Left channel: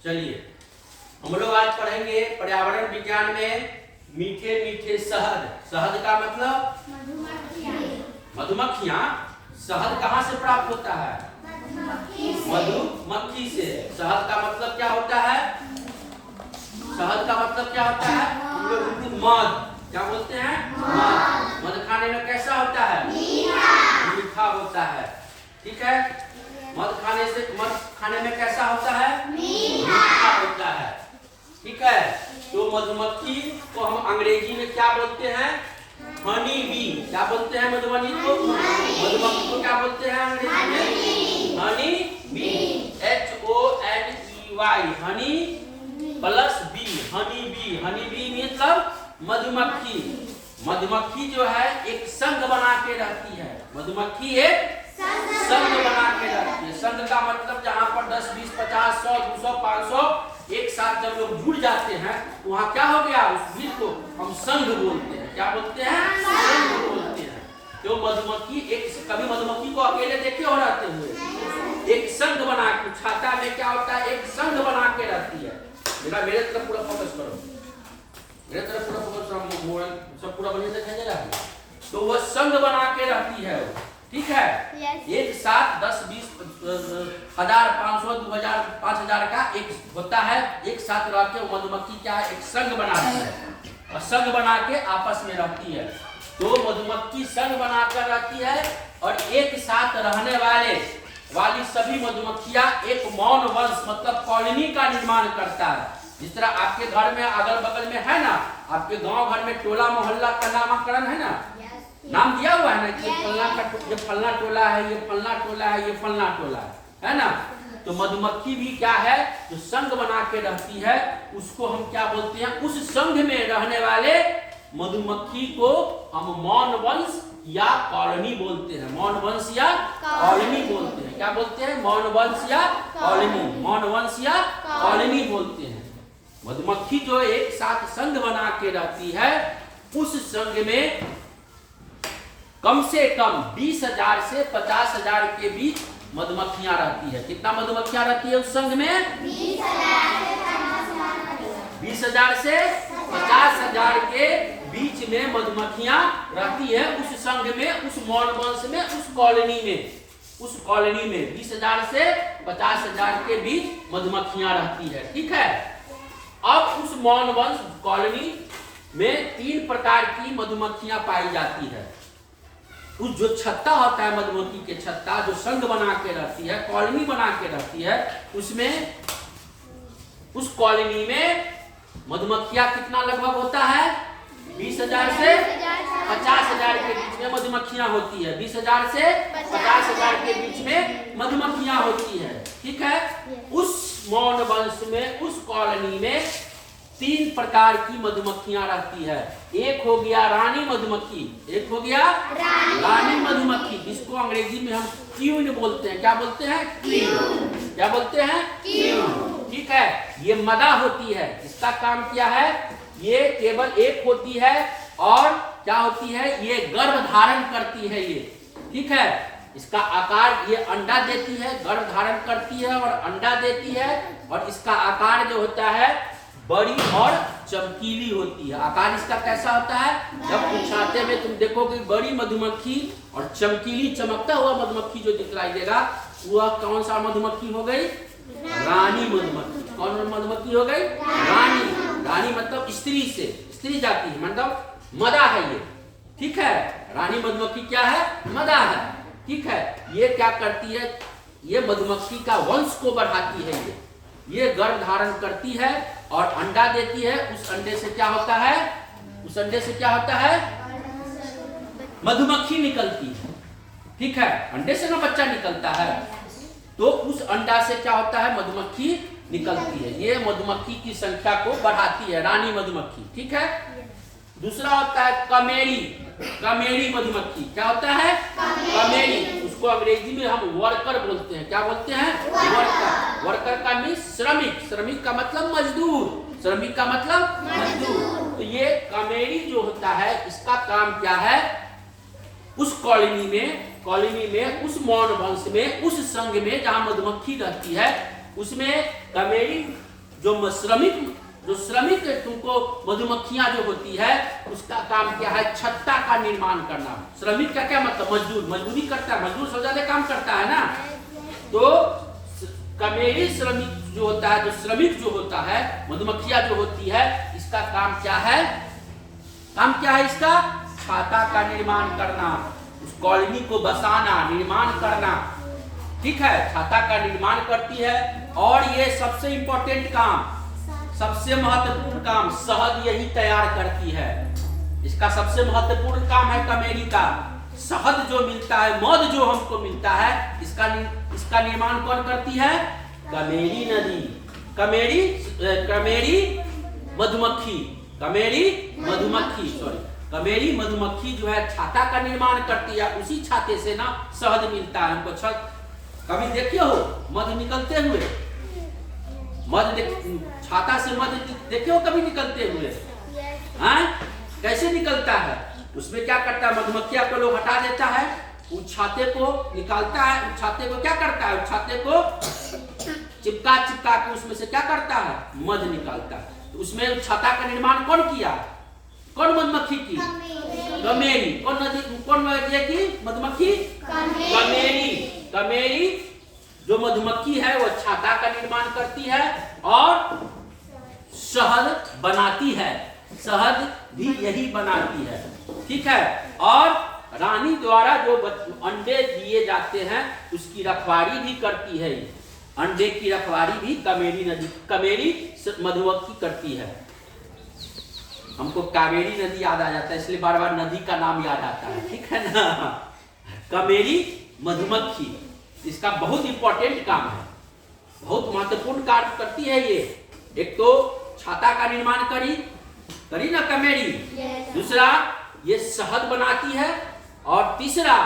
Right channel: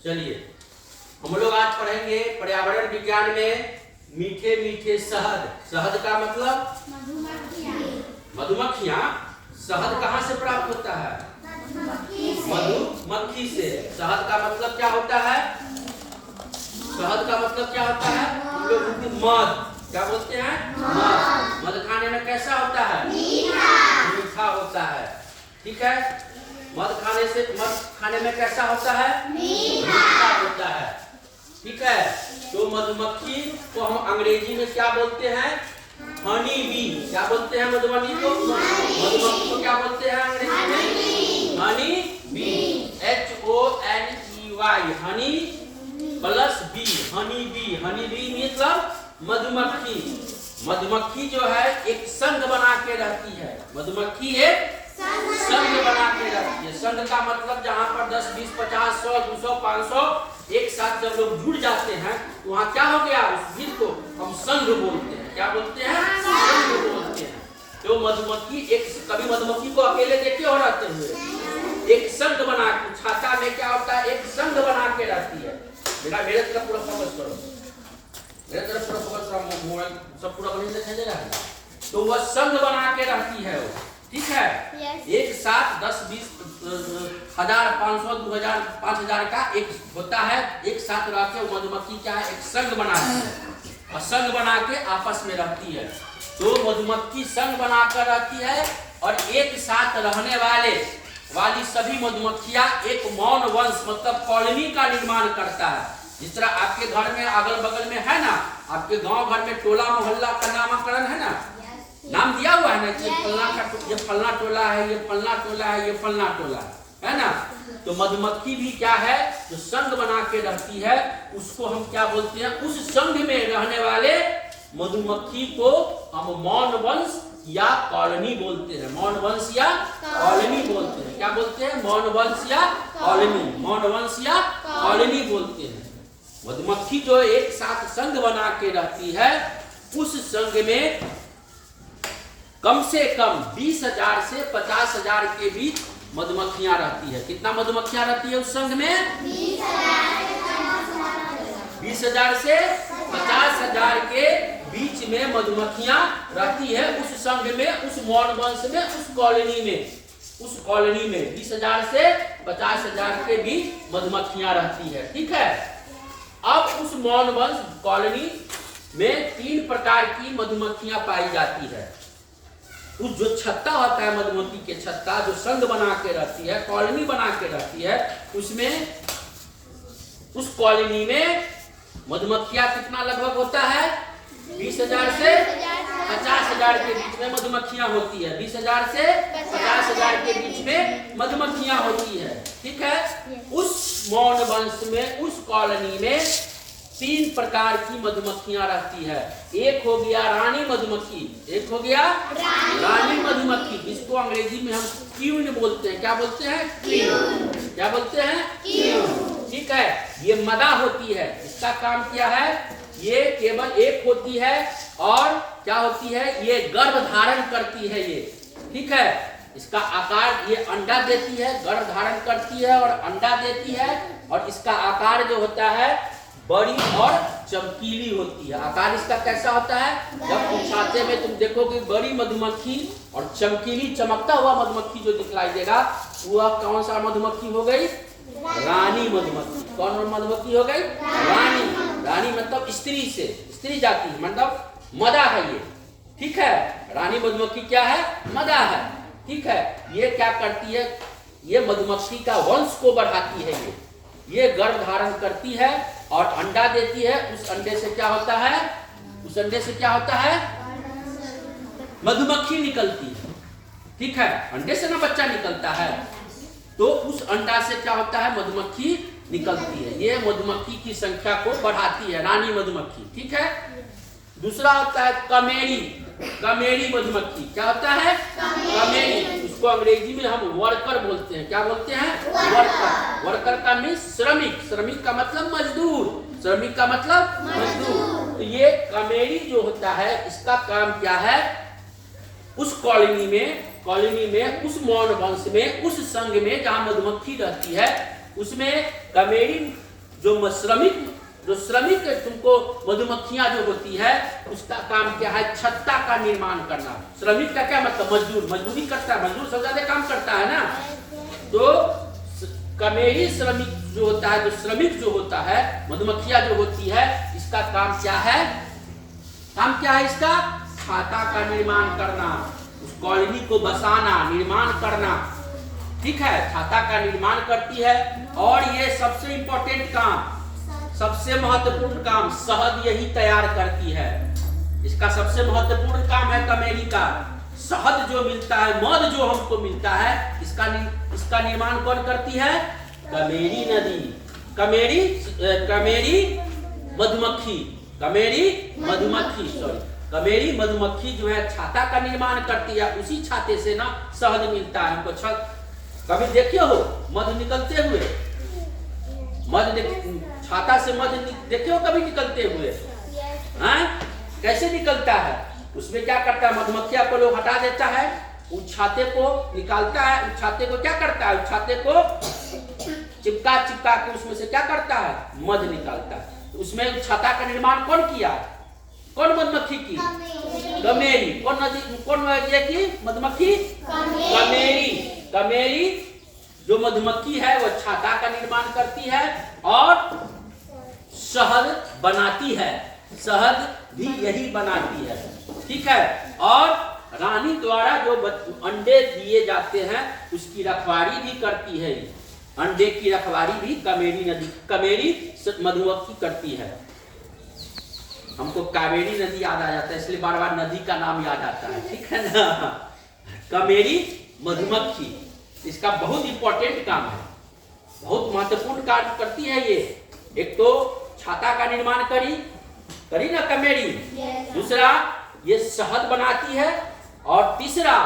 चलिए हम लोग आज पढ़ेंगे पर्यावरण विज्ञान में मीठे मीठे शहद। शहद का मतलब मधुमक्खियाँ। शहद कहाँ से प्राप्त होता है? मधुमक्खी से। शहद का मतलब क्या होता है? शहद का मतलब क्या होता है? हम लोग मध क्या बोलते हैं? मध। मध खाने में कैसा होता है? मीठा होता है। ठीक है। मध खाने में कैसा होता है? मीठा होता है। ठीक है। तो मधुमक्खी को हम अंग्रेजी में क्या बोलते हैं? Honey bee. क्या बोलते हैं मधुमक्खी को? मधुमक्खी को क्या बोलते हैं अंग्रेजी में? Honey bee. HONEY honey plus bee, honey bee. Honey bee मतलब मधुमक्खी। मधुमक्खी जो है एक संघ बना के रहती है। मधुमक्खी एक संघ बना के रहती है। संघ का मतलब जहाँ पर 10, 20, 50, 100, 200, 500 एक साथ जब लोग जुड़ जाते हैं तो वहाँ क्या हो गया? उस भीड़ को हम संघ बोलते हैं। क्या बोलते हैं? संघ बोलते हैं। तो मधुमक्खी कभी मधुमक्खी को अकेले देखे हो रहते हुए? एक संघ बना के छाता में क्या होता है? एक संघ बना के रहती है। मेरे तरफ पूरा फोकस करो। मेरे तरफ पूरा फोकस करो। सब पूरा बने दिखाई दे रहा है। तो वह संघ बना के रहती है वो। ठीक है। एक साथ 10, 20, 1000, 500, 2000, 5000 का एक होता है। एक साथ रहते हैं। मधुमक्खी क्या है? एक संघ बनाती है और संघ बना के आपस में रहती है। तो मधुमक्खी संघ बनाकर रहती है और एक साथ रहने वाली सभी मधुमक्खियां एक मौन वंश मतलब कॉलोनी का निर्माण करता है। जिस तरह आपके घर में अगल बगल में है ना, आपके गांव घर में टोला मोहल्ला का नामकरण है ना, नाम दिया हुआ है ना कि ये फलना टोला है, ये फलना टोला है, ये फलना टोला है ना। तो मधुमक्खी भी क्या है? जो संघ बना के रहती है उसको हम क्या बोलते हैं? उस संघ में रहने वाले मधुमक्खी को हम मौन वंश या कॉलोनी बोलते हैं। मौन वंश या कॉलोनी बोलते हैं। क्या बोलते हैं? मौन वंश या कॉलोनी। मौन वंश या कॉलोनी बोलते हैं। मधुमक्खी जो एक साथ संघ बना के रहती है उस संघ में कम से कम 20,000 से 50,000 के बीच मधुमक्खियां रहती है। कितना मधुमक्खियां रहती है उस संघ में? 20,000 से 50,000 के बीच में मधुमक्खियां रहती है उस संघ में, उस मौन वंश में, उस कॉलोनी में। उस कॉलोनी में 20,000 से 50,000 के बीच मधुमक्खियां रहती है। ठीक है। अब उस मौन वंश कॉलोनी में 3 प्रकार की मधुमक्खियां पाई जाती है। उस जो छत्ता होता है मधुमक्खी के छत्ता, जो संघ बना के रहती है, कॉलोनी बना के रहती है, उसमें उस कॉलोनी में मधुमक्खियां कितना लगभग होता है? 20,000 से 50,000 के बीच में मधुमक्खियां होती है। 20,000 से 50,000 के बीच में मधुमक्खियां होती है। ठीक है। उस मौन वंश में, उस कॉलोनी में 3 प्रकार की मधुमक्खियां रहती है। एक हो गया रानी मधुमक्खी। एक हो गया रानी मधुमक्खी, जिसको अंग्रेजी में हम क्वीन बोलते हैं। क्या बोलते हैं? क्वीन। क्या बोलते हैं? क्वीन। ठीक है। ये मदा होती है। इसका काम क्या है? ये केवल एक होती है और क्या होती है? ये गर्भ धारण करती है ये। ठीक है। इसका आकार, ये अंडा देती है, गर्भ धारण करती है और अंडा देती है। और इसका आकार जो होता है बड़ी और चमकीली होती है। आकार इसका कैसा होता है? जब उछाते में तुम देखोगे बड़ी मधुमक्खी और चमकीली चमकता हुआ मधुमक्खी जो दिखलाई देगा वह कौन सा मधुमक्खी हो गई? रानी मधुमक्खी। कौन मधुमक्खी हो गई? रानी। रानी मतलब स्त्री से, स्त्री जाति है, मतलब मदा है ये। ठीक है। रानी मधुमक्खी क्या है? मदा है। ठीक है। ये क्या करती है? ये मधुमक्खी का वंश को बढ़ाती है। ये गर्भ धारण करती है और अंडा देती है। उस अंडे से क्या होता है? उस अंडे से क्या होता है? मधुमक्खी निकलती है। ठीक है। अंडे से ना बच्चा निकलता है, तो उस अंडा से क्या होता है? मधुमक्खी निकलती है। ये मधुमक्खी की संख्या को बढ़ाती है, रानी मधुमक्खी। ठीक है। दूसरा होता है कमेरी। कमेरी मधुमक्खी। क्या होता है? कमेरी। उसको अंग्रेजी में हम वर्कर बोलते हैं। क्या बोलते हैं? वर्कर। वर्कर का मीन श्रमिक। श्रमिक का मतलब मजदूर। श्रमिक का मतलब मजदूर। तो ये कमेरी जो होता है इसका काम क्या है? उस कॉलोनी में उस मौन वंश में, उस संघ में जहां मधुमक्खी रहती है उसमें कमेरी जो श्रमिक तुमको मधुमक्खियां जो होती है उसका काम क्या है? छत्ता का निर्माण करना। श्रमिक का क्या मतलब? मजदूर, मजदूरी करता है, मजदूर सब ज्यादा काम करता है ना। तो कमेरी श्रमिक जो होता है, जो श्रमिक जो होता है, मधुमक्खियां जो होती है, इसका काम क्या है? काम क्या है इसका? छाता का निर्माण करना, उस कॉलोनी को बसाना, निर्माण करना। ठीक है, छाता का निर्माण करती है। और ये सबसे इंपॉर्टेंट काम, सबसे महत्वपूर्ण काम शहद यही तैयार करती है। इसका सबसे महत्वपूर्ण काम है कमेरी का। शहद जो मिलता है, मध जो हमको मिलता है, इसका निर्माण कौन करती है? कमेरी नदी, कमेरी मधुमक्खी, कमेरी मधुमक्खी जो है छाता का निर्माण करती है। उसी छाते से ना शहद मिलता है हमको। कभी देखिए हो मध निकलते हुए? छाता से मध देखे हो कभी निकलते हुए? कैसे निकलता है? उसमें क्या करता है? मधुमक्खियां को लोग हटा देता है, उस छाते को निकालता है। उस छाते को क्या करता है? उस छाते को चिपका के उसमें से क्या करता है? मध निकालता है। तो उसमें छाता का निर्माण कौन किया? कौन मधुमक्खी की? कमेरी। कौन की मधुमक्खी? कमेरी जो मधुमक्खी है वो छाता का निर्माण करती है और शहद बनाती है। शहद भी यही बनाती है। ठीक है। और रानी द्वारा जो अंडे दिए जाते हैं उसकी रखवाली भी करती है। अंडे की रखवाली भी कमेरी मधुमक्खी करती है। हमको कावेरी नदी याद आ जाता है, इसलिए बार बार नदी का नाम याद आता है। ठीक है ना। कमेरी मधुमक्खी, इसका बहुत इंपॉर्टेंट काम है, बहुत महत्वपूर्ण कार्य करती है ये। एक तो छाता का निर्माण करी ना कमेरी, दूसरा ये शहद बनाती है, और तीसरा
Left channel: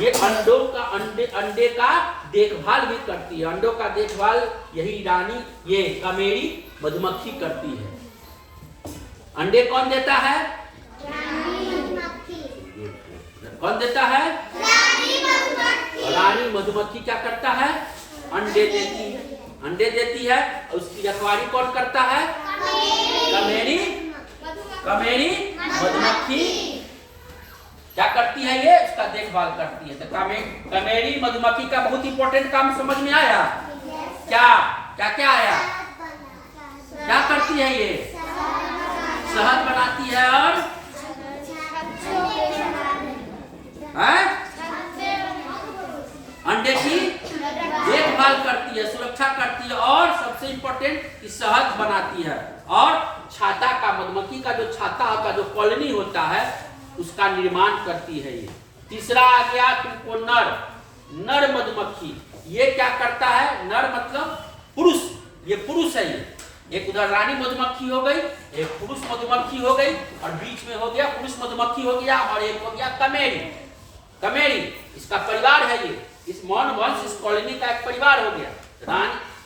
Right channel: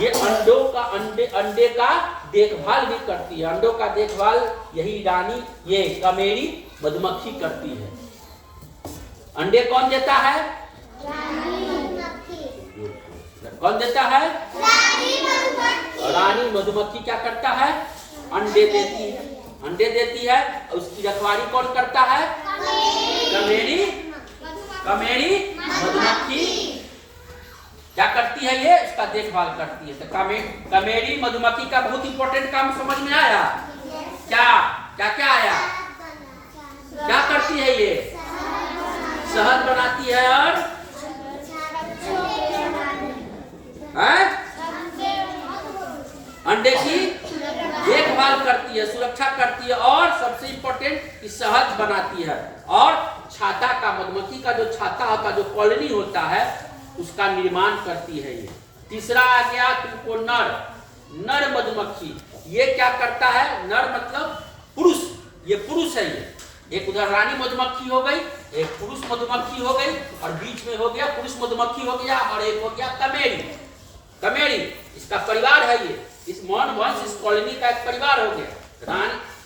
ये अंडे का देखभाल भी करती है। अंडों का देखभाल यही रानी, ये कमेरी मधुमक्खी करती है। अंडे कौन देता है? कौन देता है? रानी मधुमक्खी क्या करता है? अंडे देती है। और उसकी रखवाली कौन करता है? कमेरी मधुमक्खी क्या करती है? ये उसका देखभाल करती है। तो कमेरी मधुमक्खी का बहुत इंपॉर्टेंट काम समझ में आया? क्या आया? क्या करती है ये? शहद बनाती है और अंडे की देखभाल करती है, सुरक्षा करती है, और सबसे इंपॉर्टेंट शहद बनाती है। और छाता का, मधुमक्खी का जो छाता होता है, जो कॉलोनी होता है, उसका निर्माण करती है ये। तीसरा आ गया तुमको नर मधुमक्खी। ये क्या करता है? नर मतलब पुरुष, ये पुरुष है। ये एक उधर रानी मधुमक्खी हो गई, एक पुरुष मधुमक्खी हो गई, और बीच में हो गया पुरुष मधुमक्खी हो गया, और एक हो गया कमेरी। इसका परिवार है ये। इस मौन वंश, इस कॉलोनी का एक परिवार हो गया।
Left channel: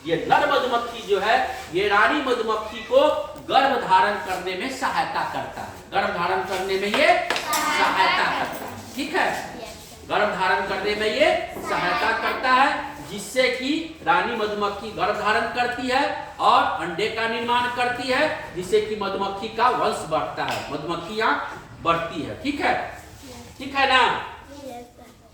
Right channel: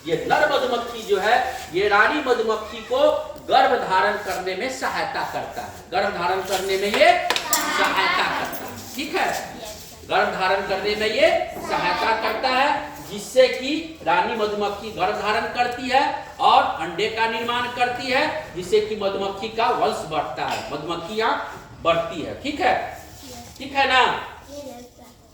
ये नर मधुमक्खी जो है, ये रानी मधुमक्खी को गर्भ धारण करने में सहायता करता है। गर्भ धारण करने में ये सहायता करता है। ठीक है, गर्भ धारण करने में ये सहायता करता है, जिससे कि रानी मधुमक्खी गर्भ धारण करती है और अंडे का निर्माण करती है, जिससे कि मधुमक्खी का वंश बढ़ता है, मधुमक्खियां बढ़ती है। ठीक है ना।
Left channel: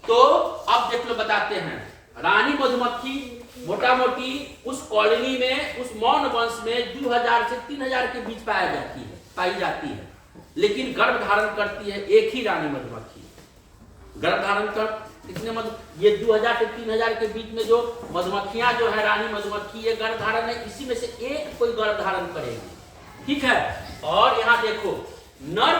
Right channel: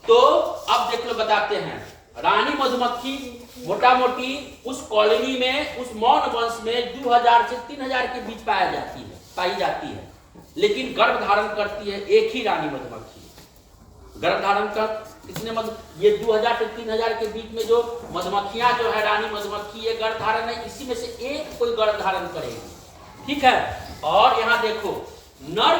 तो अब देख लो, बताते हैं। रानी मधुमक्खी मोटा मोटी उस कॉलोनी में, उस मौन वंश में 2000 से 3000 के बीच पाई जाती है। लेकिन गर्भ धारण करती है एक ही रानी मधुमक्खी। गर्भ धारण कर कितने ये 2000 से 3000 के बीच में जो मधुमक्खियां जो है, रानी मधुमक्खी, ये गर्भ धारण है, इसी में से एक कोई गर्भ धारण करेगी। ठीक है। और यहाँ देखो, नर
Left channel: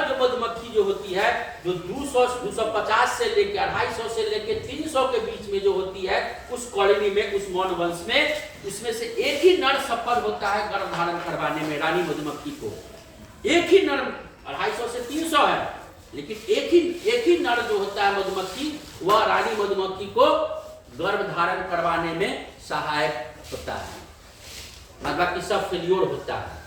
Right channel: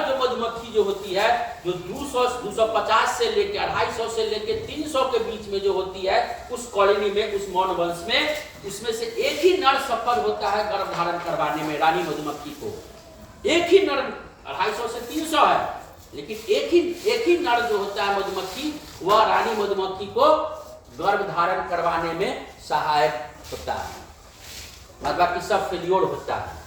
जो मधुमक्खी जो होती है, जो 250 से लेके 250 से लेके 300 के बीच में जो होती है उस कॉलोनी में, उस मौन वंश में, उसमें से एक ही नर सफल होता है गर्भ धारण करवाने में। रानी मधुमक्खी को एक ही नर, 250 से 300 है, लेकिन एक ही नर जो होता है मधुमक्खी, वह रानी मधुमक्खी को गर्भ धारण करवाने में सहायक होता है, बाकी सब फेल्योर होता है।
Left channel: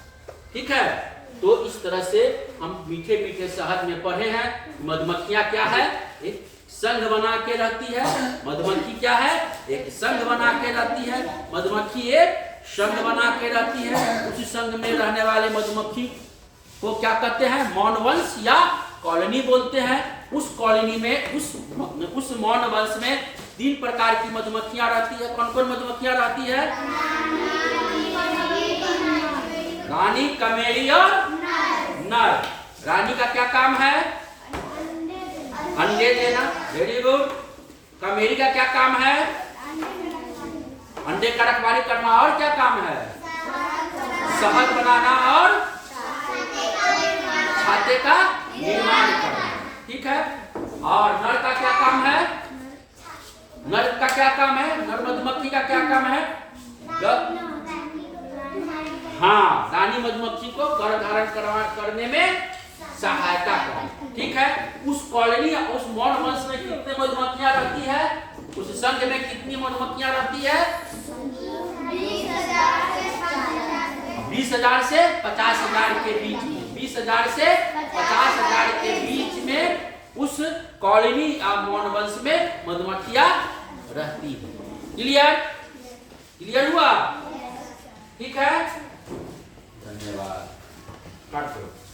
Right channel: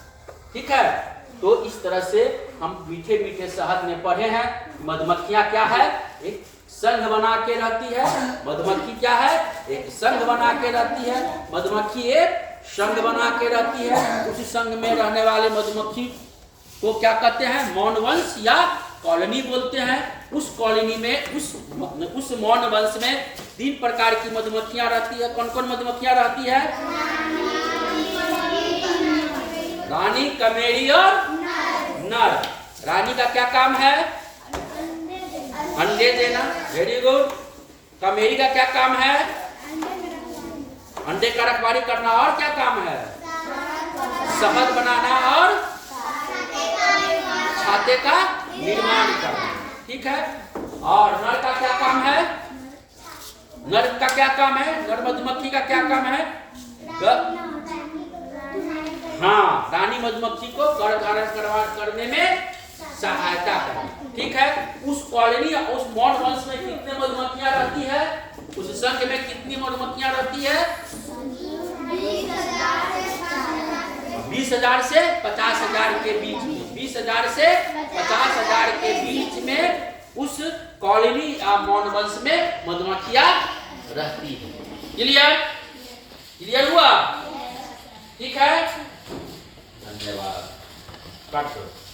ठीक है। तो इस तरह से हम मीठे मीठे शहद में पढ़े हैं, मधुमक्खियां क्या है? एक संघ बना के रहती है। मधुमक्खी क्या है? एक संघ बना के रहती है। मधुमक्खी एक संघ बना के रहती है, उसी संघ में रहने वाले मधुमक्खी को क्या कहते हैं? मौन वंश या कॉलोनी बोलते हैं। उस कॉलोनी में उस मौन वंश में 3 प्रकार की मधुमक्खियां रहती है। कौन कौन मधुमक्खियां रहती है? रानी, कमेरी और नर। रानी का क्या काम है? अंडे देना, वेरी गुड। कमेरी का क्या काम है? अंडे का रखवाली करना। और क्या काम है? शहद बनाना और छाते का निर्माण करना। ठीक है। और नर का क्या काम है? नर का क्या काम है? नर मधुमक्खी का क्या काम है? हाँ, रानी मधुमक्खी को गर्भधारण करने में सहायता करना। ठीक है। उस कॉलोनी या उस मौन वंश में कितने मधुमक्खियां रहती है? उस संघ में कितनी मधुमक्खियां रहती है? 20,000 से 50,000 के बीच में। 20,000 से 50,000 के बीच में उस कॉलोनी या मौन वंश में मधुमक्खियां रहती है। क्लियर? क्लियर हुआ? ठीक है। धन्यवाद। काट दो।